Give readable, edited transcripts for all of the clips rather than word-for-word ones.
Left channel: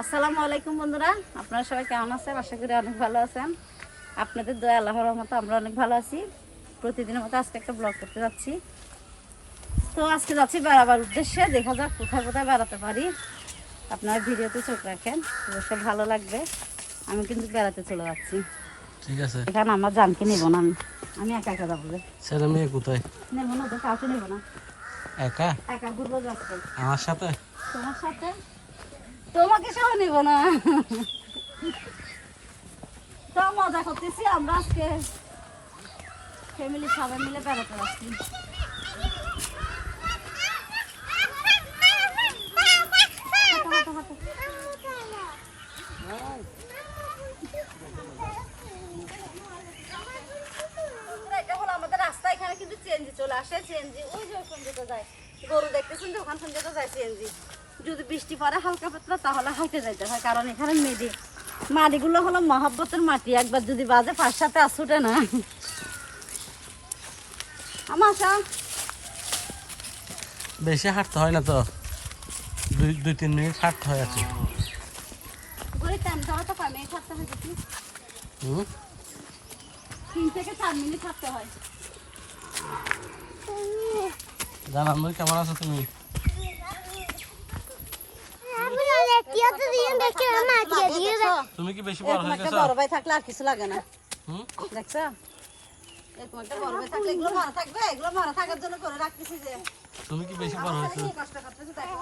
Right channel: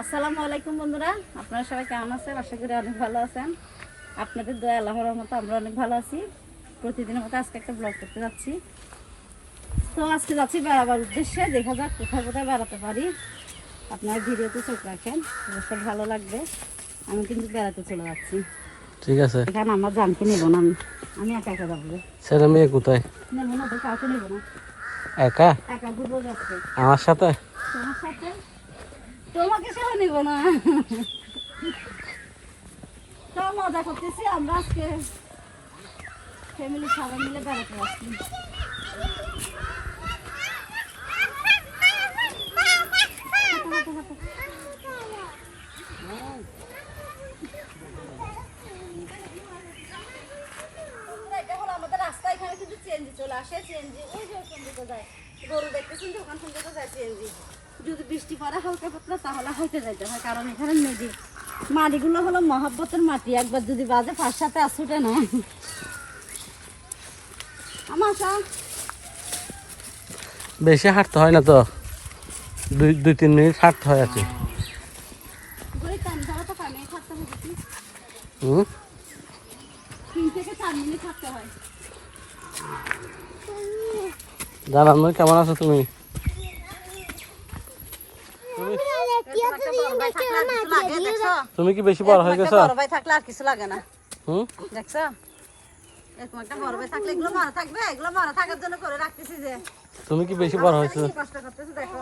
আসসালামু আলাইকুম বন্ধুরা, আপনারা সবাই কেমন আছেন? আশা করি অনেক ভালো আছেন। আপনাদের দয়া আল্লাহর রহমতে আমরা অনেক ভালো আছি। প্রতিদিনের মতো আজকে একটা ব্লগ করতে যাচ্ছি। তো আজকে যাচ্ছি বেড়াবার উদ্দেশ্যে, দেখা যাক কোথায় কোথায় বেড়াতে পারি। আপনারা ভিডিওতে চোখ রাখেন, অবশ্যই ভালো লাগবে। আমি কিন্তু বেড়াতে চলে যাচ্ছি। ঠিক আছে, এখানে আমার জানকে নেব না, আমি একা একা যাবো। ছেলে মেয়ে কোথায়? নেবো না, তো কাউকে নেবো না, একা একা ঘুরবো যাচ্ছে। আমার সাথে? তোমার সাথে? তোমাকে সহ নেব না। তো মজা করতেছি আমরা আজকে, ফ্যামিলি সবাই মিলে বেড়াতে আসছি। এটা হলো আমাদের রাস্তা, এখানে কিন্তু চেঞ্জি চলে আসে। চেঞ্জি ওই যে ওখান থেকে যায়, গরু দেখতেছেন যে ওখান থেকে যায় চেঞ্জি। যদি বৃষ্টি পড়ে হালকা পাতলা তাহলে হাইটে যাইতে হয়, কারণ এখানে মাটিগুলো হলো মহব্বতের মাটি, একবার যদি বাজে পাঁচ সাথে আসুটে না। আমার বেশি হাঁটতে হয় না তো, 2-3 মিনিট হাঁটতে হয় আছে। তো 5 মিনিট থাকতে হয়, 3 থেকে 4 মিনিট থাকতে হয়। জানান কেমন আছো তুমি? তুমি কি বেশি বড় হয়ে গেছো? বড় ভাই থাকলে আর কিছু লাগে না। দেখছো, এরকম একটা বড় ভাই থাকলে এগুলো মারা থাকবে, এগুলো মারা থাকার জন্য করে রাখতেছি। যে তুমি কি বেশি বড় হয়েছো? কষ্ট করতেছি দেখো।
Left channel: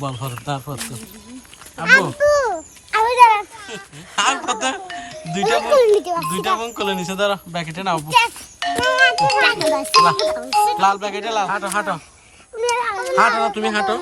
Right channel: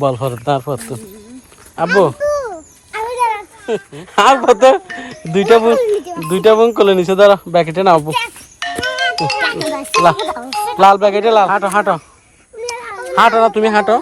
বল ফর তারপর তো আব্বু আর কত দুইটা বোন কোলে নিচে দাঁড়া, ব্যাকেটে না আব্বু, লাল ব্যাকেটে লাল। হাঁটো হাঁটো হাঁটো না, তুমি হাঁটো।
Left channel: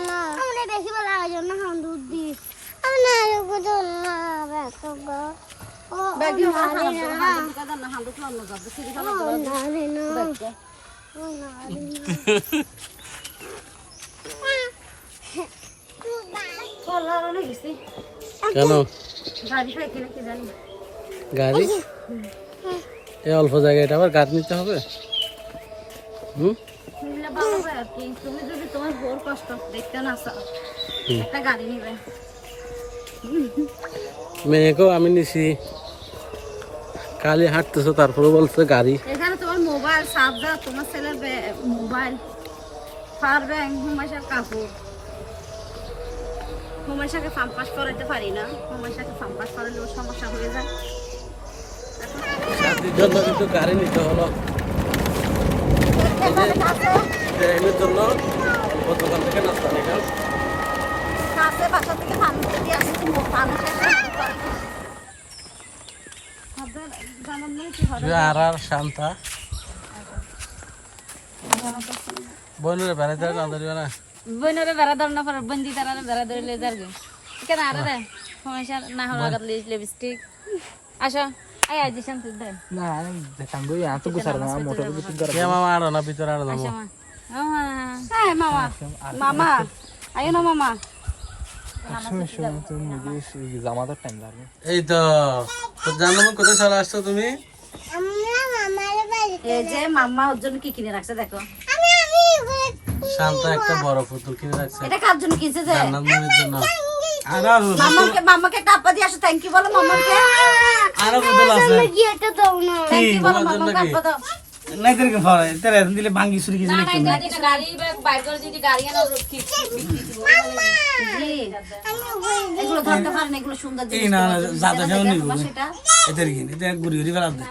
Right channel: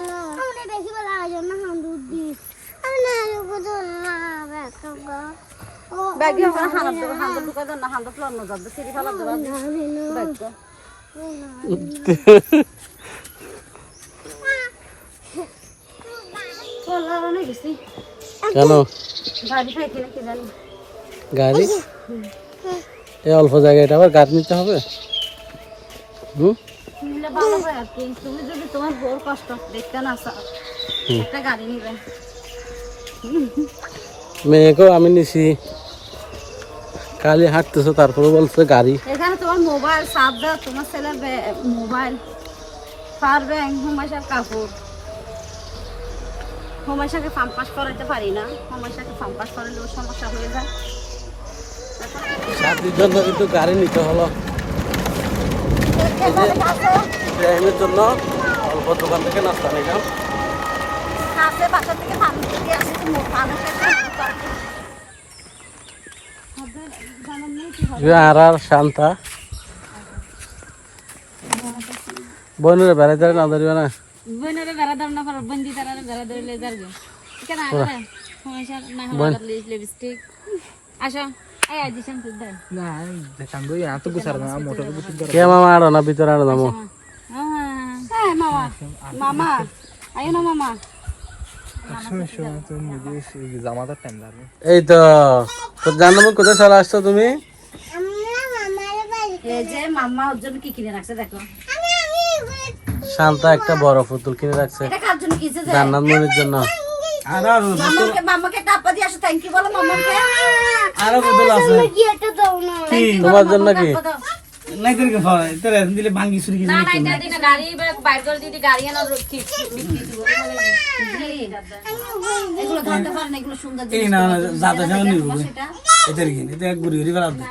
কেন গাড়ি? এই অল্প জায়গায় এটা আবার গাড়ি নিতে হবে? ভালো হয় আর কি। তুমি যদি তোমার বউর কষ্ট দেখতে না চাও, একটা গাড়ি নিবে। মেয়েকেও আমি নিছি, কালি হাঁটতেছো তারপরে বলছে গাড়ি। এখানে তোমার মোবাইল চার্জার, তোমার ছেলে মোবাইল, পাওয়ার ব্যাংক, হুমায়শার কাপড়। হুমায়শাকে পাম্পাস করাইতে পারি না, হুমায়শাকে পাম্পাস করালেও সমস্যা হয়ে যায়। শাদির জন্য কিন্তু গাড়ি নিতে হলো, ইব্রাহিমের জন্য অল্প দোকান থেকে নাস্তা নিলাম। আর শান্তা বোনের বেড়াইতে না ধরবে না, বইনরে বেড়া ধর না, বন্দি তারা বেড়া ধরে লে যার গে কেন আরে রে সমস্যা না হলো লিপস্টিক। আসো এই আজ শান্তি দে না দেখান গো, এত গুছার না মোটর বুটিং করা। কে মামা আড়ো না ভিতরে আড়ো দামো। হ্যাঁ মামা, মামা আয়ো না মামা। জামাতার টাইম লাগবে। এই তো জানো কোথায় চলে আসছো তুমি? এই যে মাম্মা ওর জন্য কি কিনে রাখছে দেখো। শান্তা একটা বড় পুতুল কিনে রাখছে, এটা কার জন্য কিনছে? যে জান্নাত মনির জন্য। মাম্মাকে টাপা দিয়ে আসো, থ্যাংক ইউ বলো মাম্মাকে। আরো পুতুল আছে কি তোমার জন্য? কি নাই তোর কে ফলে তোর এখন দিলে ভাঙ্গি চুরি কিছু না নিতে না এটা গাড়ি বাইর করে দিদি, গাড়ি আনা ঠিক জি এগুলো ধরতে পারেন, এগুলো সুন্দর জিনিস। এই না জাদা যাও নি সেটা এদের কি এটা গুড়ি গুড়ি বেলা দে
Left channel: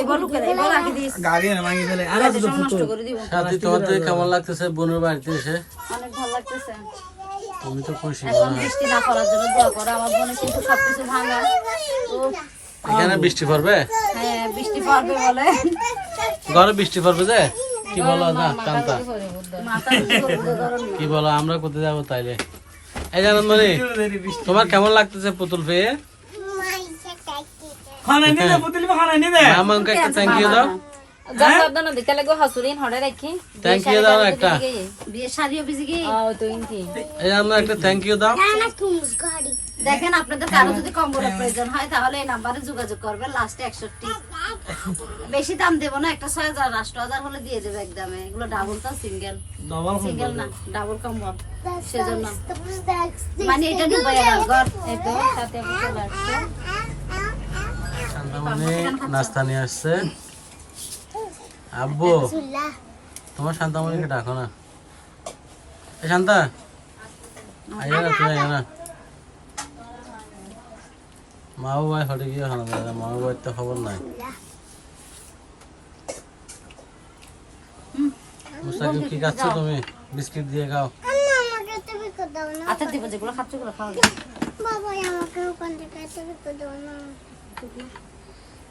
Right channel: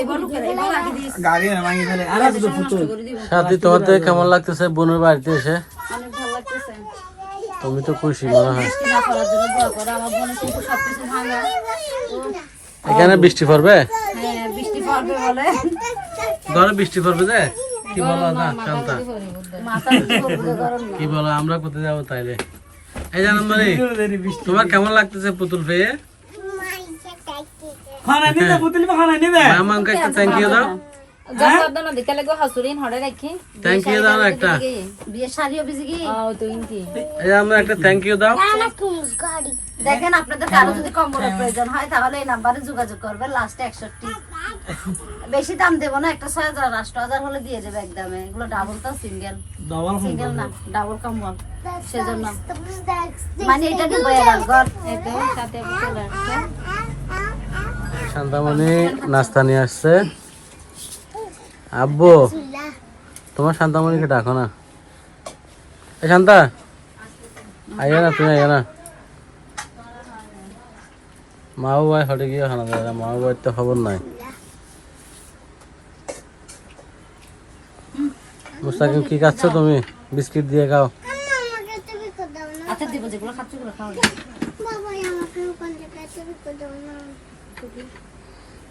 এগুলো করে এগুলো রাখি দিস, গাড়ি না ভাঙ্গি ফেলে। আর তো নষ্ট করে দিব। শাদি তোমার তো কেমন লাগতেছে বোনের বাড়িতে এসে? অনেক ভালো লাগতেছে। তুমি তো খুশি মনে হয়। বৃষ্টি না পড়ার জন্য দোয়া করো, আমার বোনের কিন্তু সবকিছু ভাঙা। এখানে বৃষ্টি পড়বে? হ্যাঁ বৃষ্টি পড়বে বলে, ঘরে বৃষ্টি পড়বে যে কি বলো না কান্তা, মাথা গরম না। কি বলো আমরা কোথায় যাবো তাইলে? এই জানান মানে তোমার কেমন লাগতেছে পুতুল পেয়ে? খানা নিতে পুতুলি খানা নিতে মামাকে একটা থ্যাংক ইউ দাও। জগদনা দিতে লাগো হাসুরিন হরে রাখি। থ্যাংক ইউ দাও একটা। বিয়ে শাড়িও বিজি কি? ও তো ইনকি। এই আমরা একটা থ্যাংক ইউ দাও। দেখেন আপনাদের কারো যদি কম্বলের প্রয়োজন হয় তাহলে এই নাম্বারে যোগাযোগ করবেন, লাস্টে 61। বেশি দাম দেবো না, একটা 6000 8000 হলে দিয়ে যাবে একদমে। এগুলো ডাবল তো সিঙ্গেল, ডবল সিঙ্গেল না ডাবল কম্বল, সেজন্য মানে এটা ডুবে গেল ঘর। এটাই সাথে চলে আসছে। শান্তামণি নাস্তা নিয়ে আসছে। আব্বু তোমার শান্তামণিকে ডাকো না। এ শান্তা আইয়া না, তুমি আইয়া না। মাও ভাই হটে গিয়ে খানা দেয়, মাও ভাইয়ের তো খবর নাই। মুস্তাকিম কি খাচ্ছ তুমি? বিস্কিট দিয়ে খাও। আচ্ছা দিব, যেগুলো খাচ্ছ ওগুলো খাওয়া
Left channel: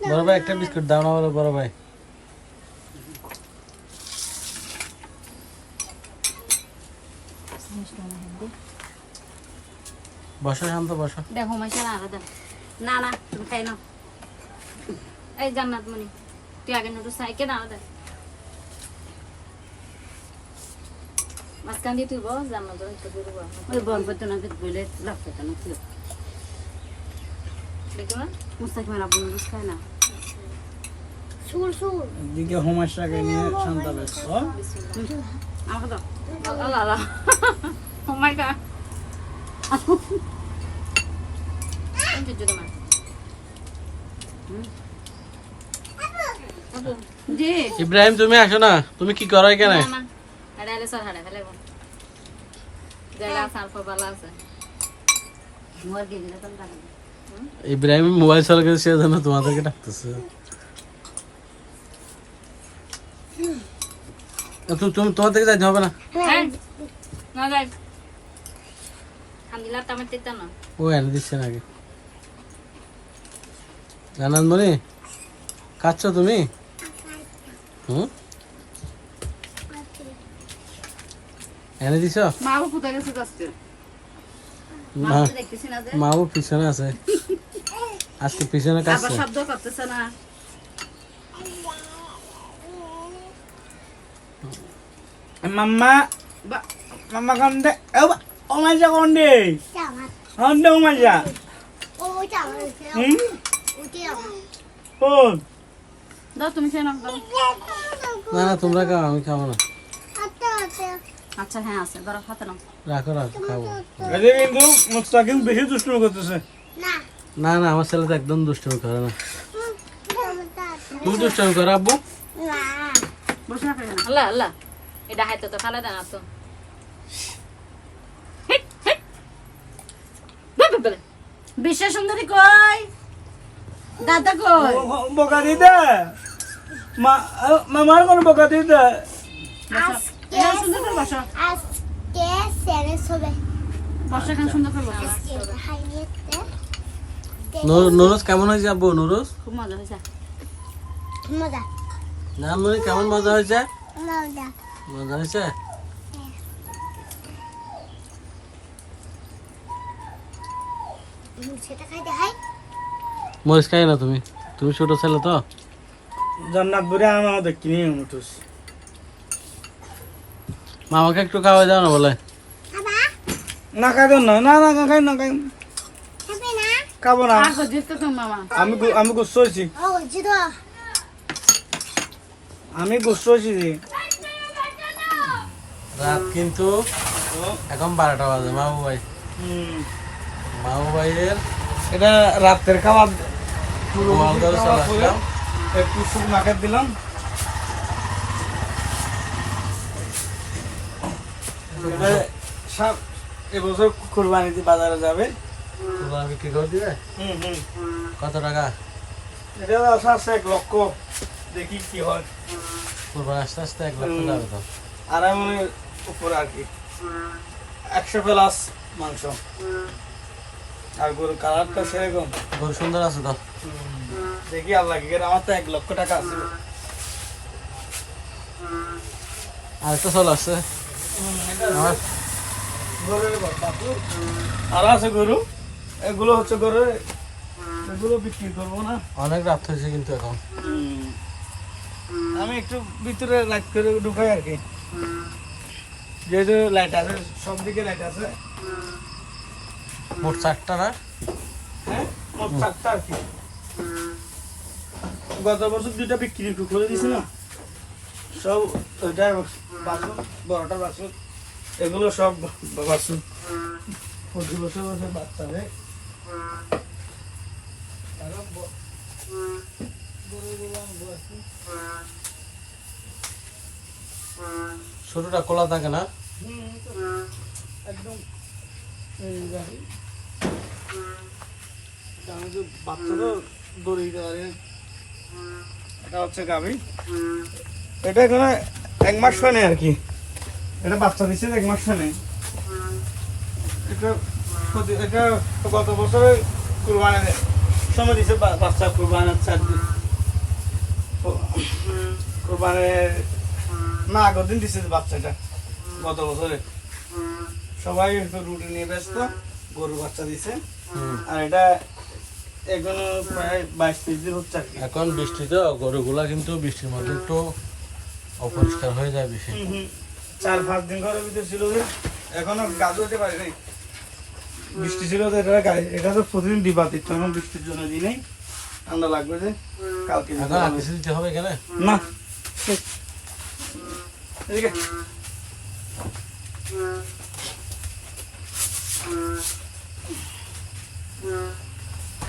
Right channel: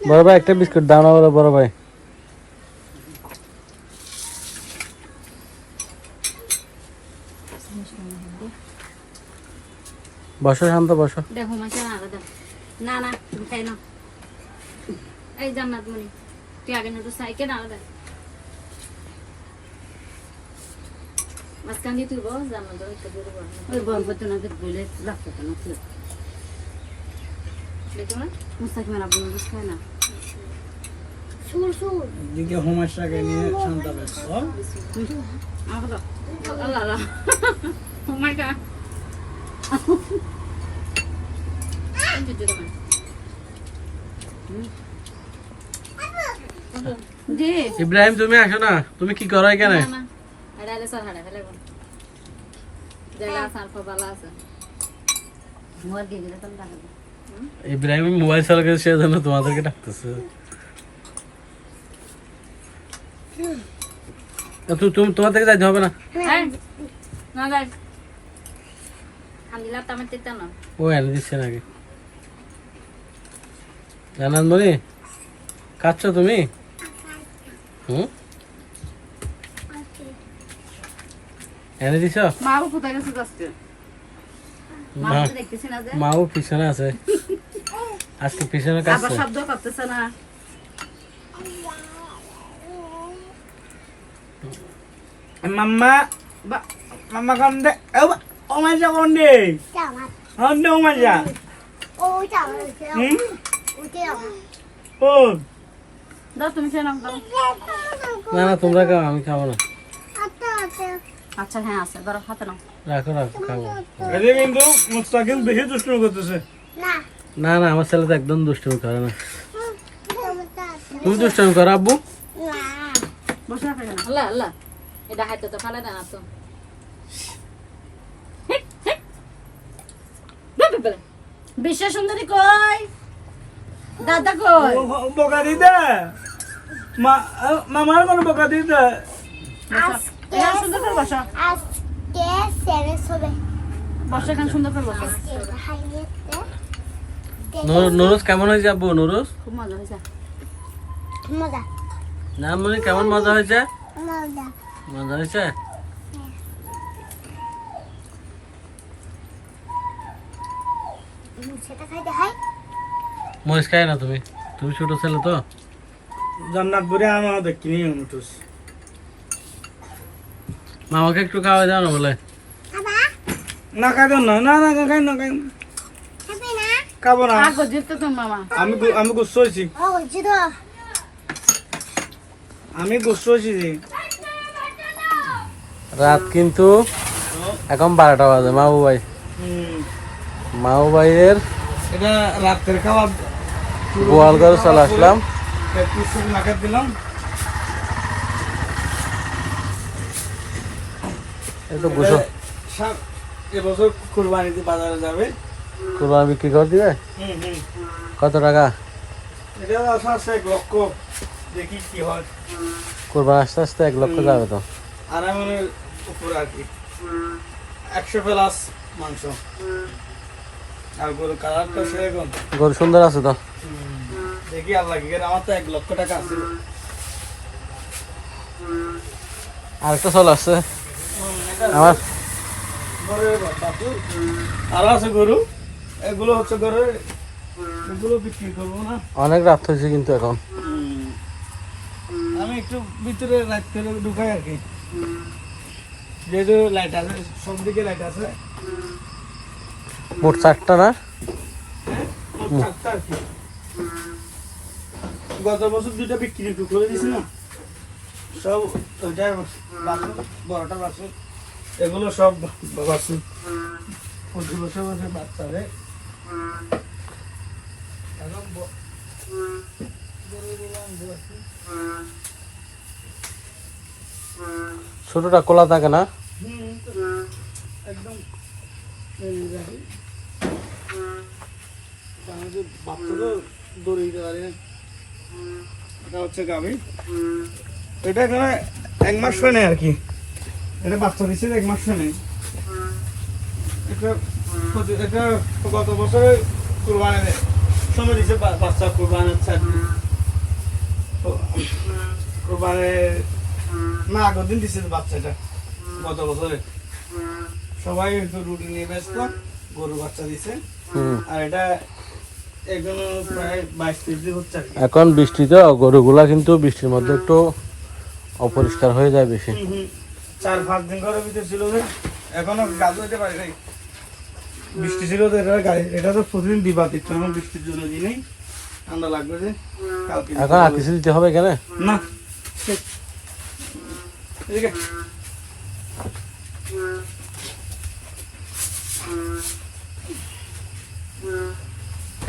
বড় ভাই একটা বিস্কুট দাও না, বলো বড় ভাই। বসো শান্ত, বসো। দেখো মাইছে না দেন না না, তুমি খাই নাও। এই জান্নাত মনি তুই আগে নুডলস খাইকে না দেন। মাঝখান দিয়ে তুই বল জান্নাত যখন তো দিব ওই বল করতে না দেখ বলে রাখতে তো না তুই দেখো না মুস্তাকিম আর আব্বু নুডলস খায় না। সুর সুর দিকে হোমাশাকে নিয়ে শান্ত ব্যস্ত। আমাকে দাও। আল্লাহ আল্লাহ, ও মাই গড। জি ইব্রাহিম তুমি আসো না, তুমি কি করো এখানে? ইব্রাহিম মোবাইল চালু করে সেজন্য তোমাদেরকে ডাকতেছে। তুমি তোমার থেকে যাইতে হবে না। ও এনে দিচ্ছে নাকি? জানান বলি খাচ্ছ তুমি? এনে দিছ? মাও কোথায় গেছে আজকে? দেখতেছি না যে মাও পিছনে আছে আজকে, পিছনে কাছে। আবার শব্দ করতেছে না। মাম্মা মাম্মা কোন데? ওমাজা কোন데? কোন데 ওমাজা? কোন? দাও তুমি খেয়ে নাও দাও। না না তোমরা খাও, আমি খাবো না। আচ্ছা হ্যাঁ আছে, ধরো হাতে নাও। রাখো রাখো, খাবো। এদের কিন্তু মুস্তাকিম বেশি দুষ্টুমি করতেছে। না না আমার ছেলে তো একদম দুষ্টুমি করে না। তুমি দুষ্টুমি করো আব্বু? বসে রাখো না। আল্লাহ আল্লাহ এটা হাইতো তো খালা দেন আসো বিশ্ব সুন্দরী কই? দাদা কই? বকা দিতে মামার কোন বকা দিতে? এখানে সুন্দর করে বসো। বসো এখানে সুন্দর করে বসো। নুরুস কেমন হয়েছে আব্বু? নুরুস খুব মজা হয়েছে। না মানে কেমন মজা হয়েছে? মজা হয়েছে। মরিচ খাই না তুমি? তুমি ছোট ছেলে তো। জান্নাত বুড়ে আমার দেখিনি মুতুস। মামাকে একটু খাওয়াই দাও না বলে। না খাই না, না না খাই না, খাই খাবো না। আগো জিততো তো মামা। আমি গুচ্ছ হয়েছি, আমি গুচ্ছ হয়েছি। রাত কিন্তু এখন 12টা বাজে। মাহবু ভাই, মাহবু ভাইয়ের এটা রাতের খাবার গোয়াল ঘরে চলে আসলাম। একটু সুপ মাখা দিলাম। একটু বসো। এবছর কুরবানিতে বাজারে যাবে, কোরবানি বিক্রি করে দিবে। কত টাকা? এটা আশা আছে 1 লক্ষ, দেখি কি হয়। কোরবানি আস্তে আস্তে 1 লক্ষ যাবে তো। আর মনে উপর আর কি 100 প্লাস মাংস। আর গরু কালারটা সেরকম, গরু সুন্দর আছে তো। দেখি আল্লাহ কি করে। আমার তো 1 লক্ষ টাকা আছে। আর একটা চল আছে আমার। আর আছে গরু, এগুলো হচ্ছে গরু, এগুলো বিক্রি করবো না। অনেক রাত হয়েছে কিন্তু এখন। আমি একটু ভিতরে লাইট করে ঢুকাই আর কি, যেহেতু লাইট আছে, সব দিকে লাইট আছে। মোট 4টা না? হ্যাঁ মোট 4টা আর কি। গত বছর 2টা বিক্রি করে দিছি না, সব ওইটা বাছুর, বড়টা বাছুর, এগুলো সব বাছুর। প্রতি বছর বছর বাচ্চা হবে। ছোটটা কোলা থাকে না? একদম এই গাড়ি যে বাচ্চা তো দড়ি দিতে পারে। এটা হচ্ছে গাভী, এটা এখানে 1 মাস হয় আর কি। এটা বাচ্চা দিচ্ছে 1 মাস হয়। এটা গত বছরে কুরবানি সময় দিচ্ছে বাচ্চা, কুরবানির 4 দিন, কুরবানির না আগের দিন দিচ্ছে বাচ্চাটা গত বছরে। সবাই রুটি নিয়ে ব্যস্ত, গরু বাচ্চা দিছে। আর এটা এখনো প্রায় 22-23 দিন হচ্ছে আর কি। এখন বৃষ্টিতে গরুগুলা কিন্তু বৃষ্টির মধ্যে একটু অপরিষ্কার হয়ে যায় বেশি। 4-5 দিন ঘরের ভিতরে ছিল যে, এখনো গাজু হতে পারে নাই। বৃষ্টি ছিল তো এটা তো প্রতিদিন দিবা দিত, এখন বৃষ্টির জন্য দিই নেই, ঠান্ডা লাগবে যে কালকে এখন আর কিছু দিতে হবে কেন? না ঠিক। এদিকে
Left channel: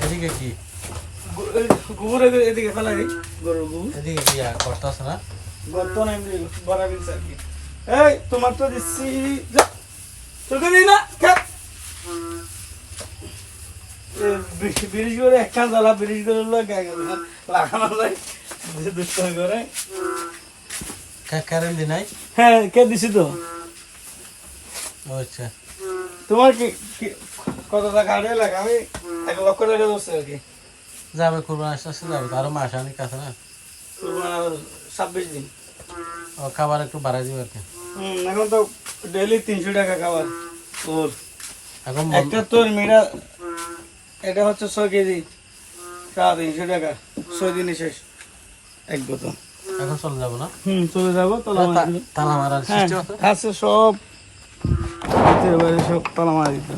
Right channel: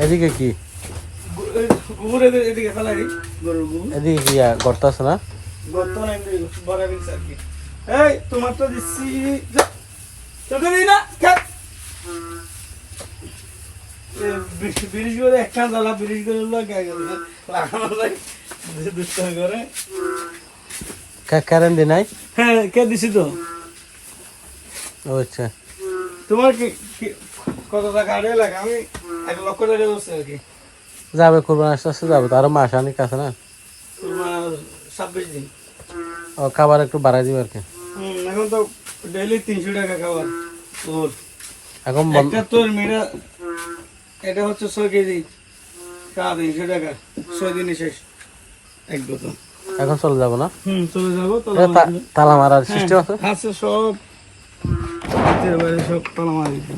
এদিকে কি? গোবর এদিকে ফেলা দিই, গরুর গোবর এদিকে কি গর্ত আছে না? গর্ত নাই বড় দিচ্ছে আর কি। এই তোমার তো দিচ্ছি, তোকে দিই না ব্রিজ করে একটা জ্বালা, ব্রিজ করে লাগানো যায় দুষ্টামি করে। কারেন্ট দি নাই? হ্যাঁ কে দিছি তো। ও আচ্ছা, তোমার কি কত টাকা আড়াই লাখ? আমি 1 লক্ষ টাকা ধরছি আর কি। যাবে কোরবানি আস্তে আস্তে যাবে তো, আরো মাস আনিক আছে না। তোমার 26 দিন। ও খাবার একটু বাড়াই দিবে আর কি। এখন তো ডেইলি 300 টাকা খাবার তোর। এখন একটা তোর মেয়েরা এটা হচ্ছে 6 কেজি, 350 টাকা, 6 দিনে শেষ এক বোতল। এখন চলে যাবো না? চলে যাবো। তালা মারার সিস্টেম আছে? আছে সব, হাতের বাইরে সব তালা মারা দিত।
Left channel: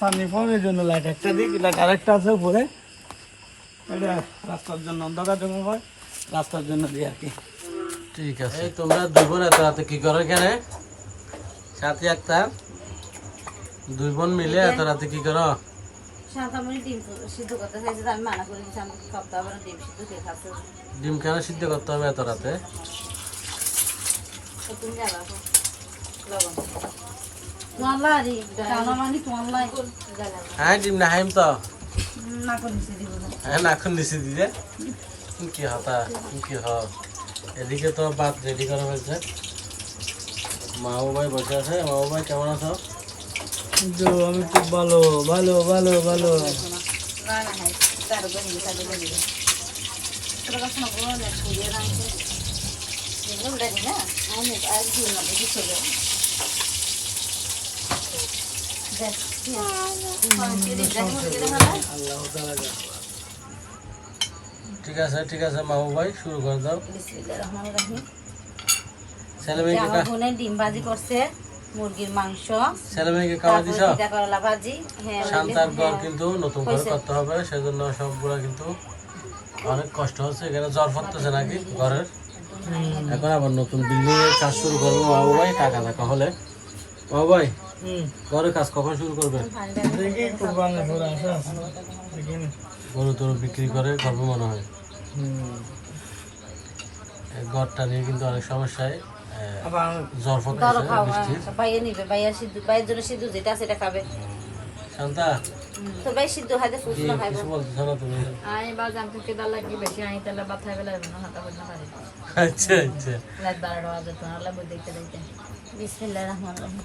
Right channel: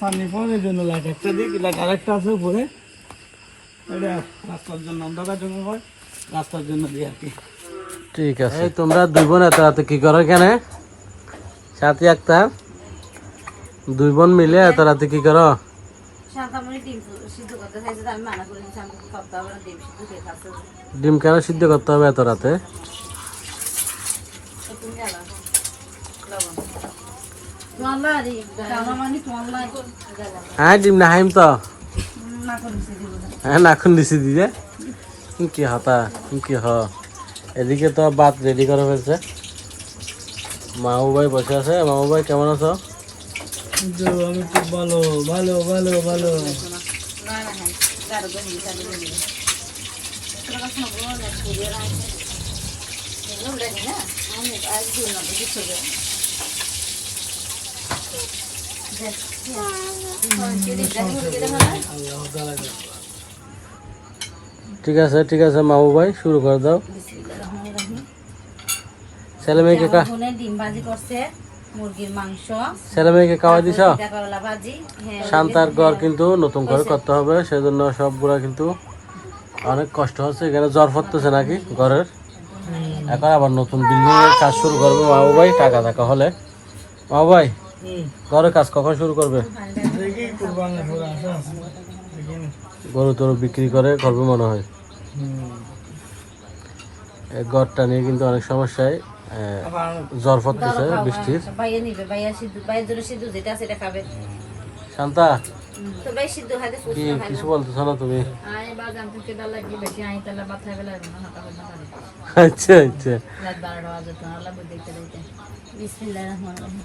সামনে ফোনের জন্য লাইট একটা দিক, লাইট আরেকটা আছে উপরে, এটা রাস্তার জন্য, অন্ধকার জন্য হয়, রাস্তার জন্য দিই আর কি। ঠিক আছে। তোমরা 2 বোন এত রাতে কি করো কেন? সাথী আক্তার 2 বোন মিলে এত রাতে কি করো? শান্তামণি ডিম সিদ্ধ করতে চাইছে, আমি মানা করে দিয়েছি, আমি খাওয়া হবে না, ডিম সিদ্ধ খেয়ে খাচ্ছে। ডিম কেন সিদ্ধ করতে হবে এত রাতে? তুমি জানো তোমার লাই শান্তামণি তোমার লাই হ্যাঁ ডিম না হাইম তো না করে দিছি দিব না। হ্যাঁ নাখুন দিছি দিদি কি হতা কি হ। এদিকে তো ভাত রেডি করা হয়েছে, মামু ভাই বসে আছে। মামু ভাই কেমন আছো? আমি খুব ভালো ভালো ভালো ভালো। না না হ্যাঁ তার গনি তার গনি তোর কাছে না বলো না ভিডিও না ভিডিও দেখ না আমি আজ দিন না কিছু হবে দেখ ঠিক আছে ঠিক আছে মামু ভাই শুরু করে দাও। বিসমিল্লাহির রহমানির রহিম। ছেলে মেয়েকে আমার বোনে ডিম ভাজি করছে, মুরগির মাংস, ছেলে মেয়েকে খাওয়া দিছ? পিঠা করলা ভাজি। হ্যাঁ শান্তার ঘর কিন্তু নতুন করে করতে হবে, সেজন্য সবগুলা কিন্তু অনেক কষ্ট হচ্ছে। এখানে জ্বর পড়তেছে নাকি ঘরের, এখন আবার নতুন বিল্ডিং এর কাজ শুরু করবে মামু ভাই। টাকা টাকা হলে মামু ভাই ঘরের কাজ কখন শুরু করবে? দেখি কুরবানি করে আসা দেখি না। গরু টরু বিক্রি করে করবে মনে হয়। এই ঘরটা নিয়ে কিন্তু অনেক সমস্যায় আবার জ্বর পড়তেছে বৃষ্টির। ভাইয়া নিবে, ভাইয়া সিদ্ধ, ভাইয়ের জন্য সিদ্ধ যেটা আছে সেটা খাবে। শান্তা তো ভাই সিদ্ধ খাইতে কি ফুসনা খাইবে। কিছু বলতেছ না তুমি? আমি বাজ আমি তো দাল লাগি বেশি আই তাহলে বাথা বেলা না হাতা বন্ধ করে আচ্ছা আচ্ছা রাত 12টা বাজে তো আল্লাহ দেখতে দেখতে বিসমিল্লাহির রহমানির রহিম।